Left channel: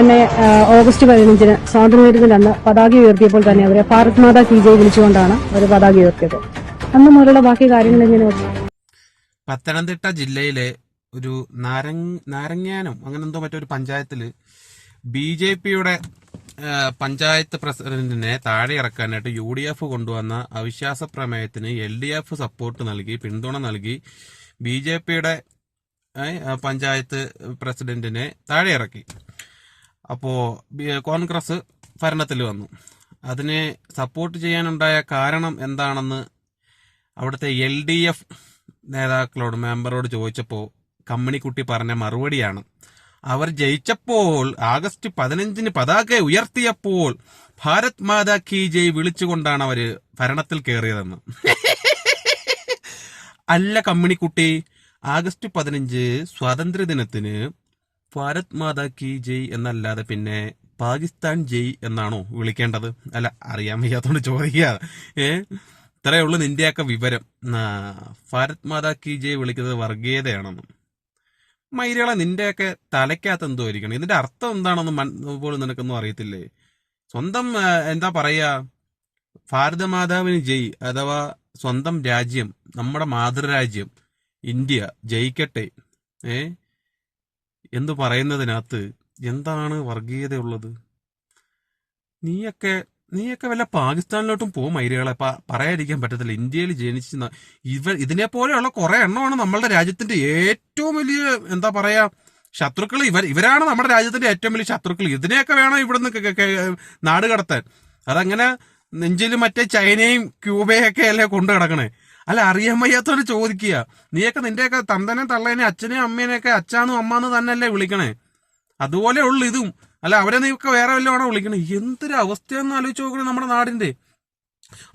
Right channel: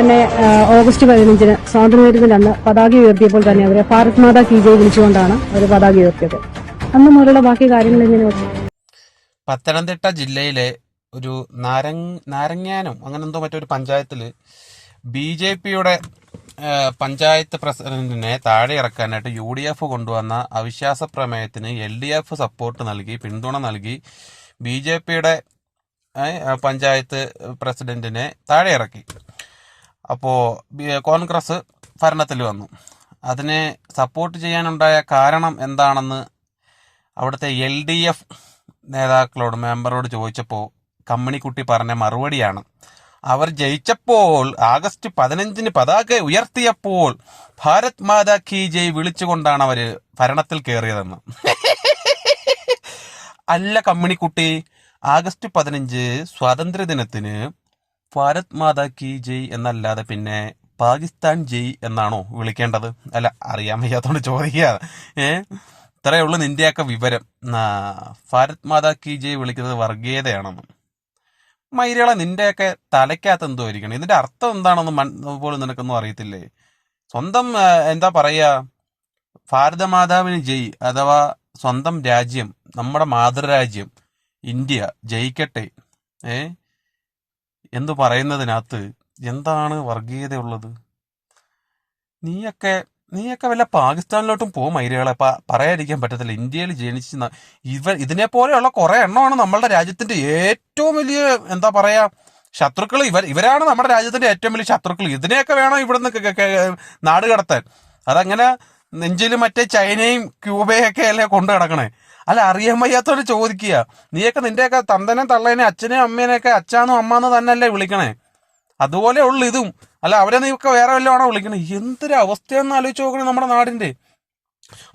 തന്നെ ഓഗസ്റ്റ് 15-ന് സ്വാതന്ത്ര്യദിനത്തിന്റെ അന്ന് പതാക ഉയർത്തിയപ്പോൾ തന്നെ അവരെ ഭാരത് മാതാ കി ജയ് വിളിച്ചുകൊണ്ടാണ് അവർ പതാക ഉയർത്തിയത്. അന്ന് മുതലുള്ള ബാക്കി കാര്യങ്ങൾ എങ്ങനെ? പത്തനംതിട്ട ജില്ലയിലെ ഒരു നാരങ്ങാനം അങ്ങനെ എന്തോ മറ്റൊരു പഞ്ചായത്തിൽ BJP-യുടെ പഞ്ചായത്ത് പ്രസിഡന്റിനെ താഴെ ഇറക്കാനായിട്ട് UDF കൊണ്ടുവന്ന അവിശ്വാസ പ്രമേയത്തിന് LDF സപ്പോർട്ട് നൽകി, പിന്തുണ നൽകി BJP-യുടെ പഞ്ചായത്ത് പ്രസിഡന്റിനെ താഴെ ഇറക്കി. അപ്പോൾ കോൺഗ്രസ് ഭരണത്തിൽ വന്നു. അതിനെ സപ്പോർട്ട് ചെയ്യാനുണ്ടായ കാരണം എന്താണെന്ന് അവിടുത്തെ LDF നേതാക്കളോട്, മെമ്പറോട് ചോദിച്ചപ്പോൾ കമ്മിണിക്കുട്ടി പറഞ്ഞ മറുപടിയാണ്, അവർ ജയിച്ചപ്പോൾ ആഗസ്റ്റ് 15-ന് പതാക ഉയർത്തിയപ്പോൾ ഭാരത് മാതാ കി ജയ് വിളിച്ചുകൊണ്ടാണ് അവർ ഭരണത്തിൽ കയറിയതെന്ന്. അല്ല കമ്മിണിക്കുട്ടി, ആഗസ്റ്റ് 15 സ്വാതന്ത്ര്യദിനത്തിന് ഭാരത് മാതാ കി ജയ് എന്നല്ലാതെ പിന്നെ പാകിസ്ഥാൻ ജയ് എന്നാണോ വിളിക്കേണ്ടത്? അല്ല, അറിയാൻ വയ്യാത്തോണ്ട് ചോദിക്കുക. ഇത്രയേ ഉള്ളൂ നിന്റെയൊക്കെ വിവരം. ഭാരത് മാതാ കി ജയ് വിളിക്കുന്നത് വർഗീയതയാണെന്ന്. മൈരളെ, നിന്റെയൊക്കെ തലയ്ക്കകത്ത് എന്തോ ഇരിക്കണം. ഇതിന്റെ അർത്ഥം എന്താണെന്ന് പോലും നിനക്കൊന്നും അറിയത്തില്ലേ? സ്വന്തം എന്താ പറയാ, ഭാരതമാതാവിന് ജയ് അഥവാ സ്വന്തം രാജ്യം, നമ്മുടെ മാതൃരാജ്യം ഇന്ത്യ ജയിക്കട്ടെ എന്ന് പറയുന്നതിനകത്ത് എന്താണ് വർഗീയതയുള്ളത്? നീയൊക്കെ വല്ല പാകിസ്ഥാനിലോട്ടും പോകും മൈരകളെ. പറയാതിരിക്കാൻ പറ്റത്തില്ല. ഇന്ത്യയിൽ ജനിച്ച് ഇതിനെ പോലെയുള്ള കുറെ എണ്ണമാണ് നമ്മളുടെ രാജ്യത്തിന്റെ ഏറ്റവും വലിയ എന്താ പറയാ ശത്രുക്കൾ. ഇവരാണ് നമ്മുടെ രാജ്യത്തിന്റെ ഏറ്റവും വലിയ ശത്രുക്കൾ. ഇതിനെയൊക്കെ വേണം ഇവിടുന്ന് നാട് കടത്താൻ. അതങ്ങനെ നെഞ്ചിൽ മറ്റേ ചൈനയും ക്യൂബയൊക്കെ അല്ലേ കൊണ്ടു കിടക്കണേ? അല്ല, അറിയാൻ വയ്യാത്തോട് ചോദിക്കുക. നീയൊക്കെ നിന്റെയൊക്കെ തന്തനെ തള്ളേനെ അച്ഛനെയും അമ്മേനെയൊക്കെ അച്ഛാന്നും അമ്മാന്ന് തന്നെയല്ലേ വിളിക്കണേ? അതുപോലെ ഉള്ളു ഇതും. അല്ല, അവരെ നീയൊക്കെ വേറെ വല്ലതാണോ വിളിക്കണേ? എന്തൊരു അവസ്ഥയെന്ന് ആലോചിച്ച് നോക്കണേ നമ്മുടെ നാടിന്റെ.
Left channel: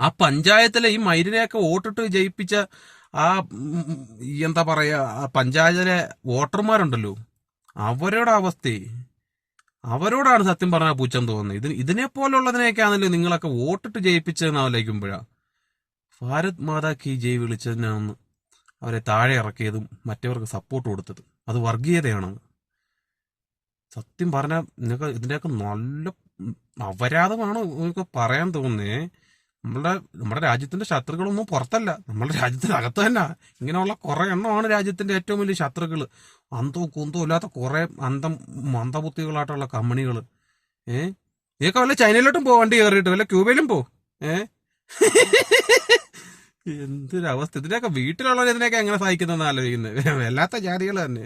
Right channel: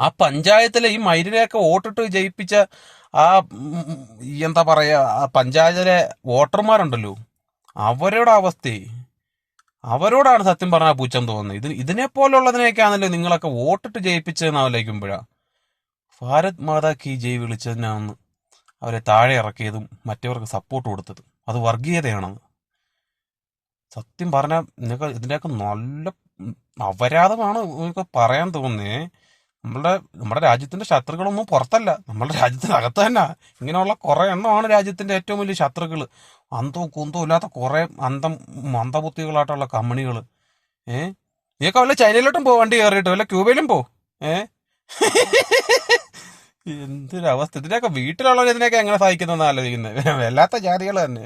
ആ പഞ്ചായത്തിലെ ഈ മൈരിനെയൊക്കെ വോട്ടിട്ട് ജയിപ്പിച്ച ആ എന്താ പറയാ ആ പഞ്ചായത്തിലെ വോട്ടർമാരുണ്ടല്ലോ, അവരുടെ അവസ്ഥയെ, അവരോടാണ് സത്യം പറഞ്ഞാൽ പുച്ഛം തോന്നുന്നത്. ഇതിനെ പോലുള്ളതിനെയൊക്കെയാണല്ലോ നിങ്ങളൊക്കെ വോട്ടിട്ട് ജയിപ്പിച്ചതെന്ന് ആലോചിക്കുമ്പോഴാ ഭാരത് മാതാ കി ജയ് വിളിച്ചതിനാണ് അവരെ താഴെ ഇറക്കിയതും മറ്റവർക്ക് സപ്പോർട്ട് കൊടുത്തതും. അത് വർഗീയതയാണെന്ന് സത്യം പറഞ്ഞാൽ ഇതിൻ്റെയൊക്കെ നല്ല അപരാധമാണ് നിങ്ങൾക്ക് പറയാൻ തോന്നുന്നേ. നമ്മുടെ രാജ്യത്തിന്റെ ശത്രുക്കളൊന്നും പുറത്തല്ല, നമ്മുടെ രാജ്യത്തിനകത്ത് തന്നെ ഇങ്ങനെയുള്ള കുറെ എണ്ണമാണ് രാജ്യത്തിന്റെ ഏറ്റവും വലിയ ശത്രുക്കൾ. അന്തവും കുന്തവും ഇല്ലാത്ത കുറെ മന്ദബുദ്ധികളായിട്ടുള്ള കമ്പനികൾ. നീയൊക്കെ വല്ല ചൈനയിലോട്ടും പോ, വണ്ടി കയറിയിട്ട് വല്ല ക്യൂബയിലും പോ. എന്തൊരവസ്ഥ! ഇതിനൊക്കെ വീട്ടിലുള്ളവർ ഇതിനൊക്കെ എങ്ങനെ സഹിക്കുന്നതെന്ന് ആലോചിക്കുന്നത്. വല്ലാത്ത ജാതികൾ തന്നെ.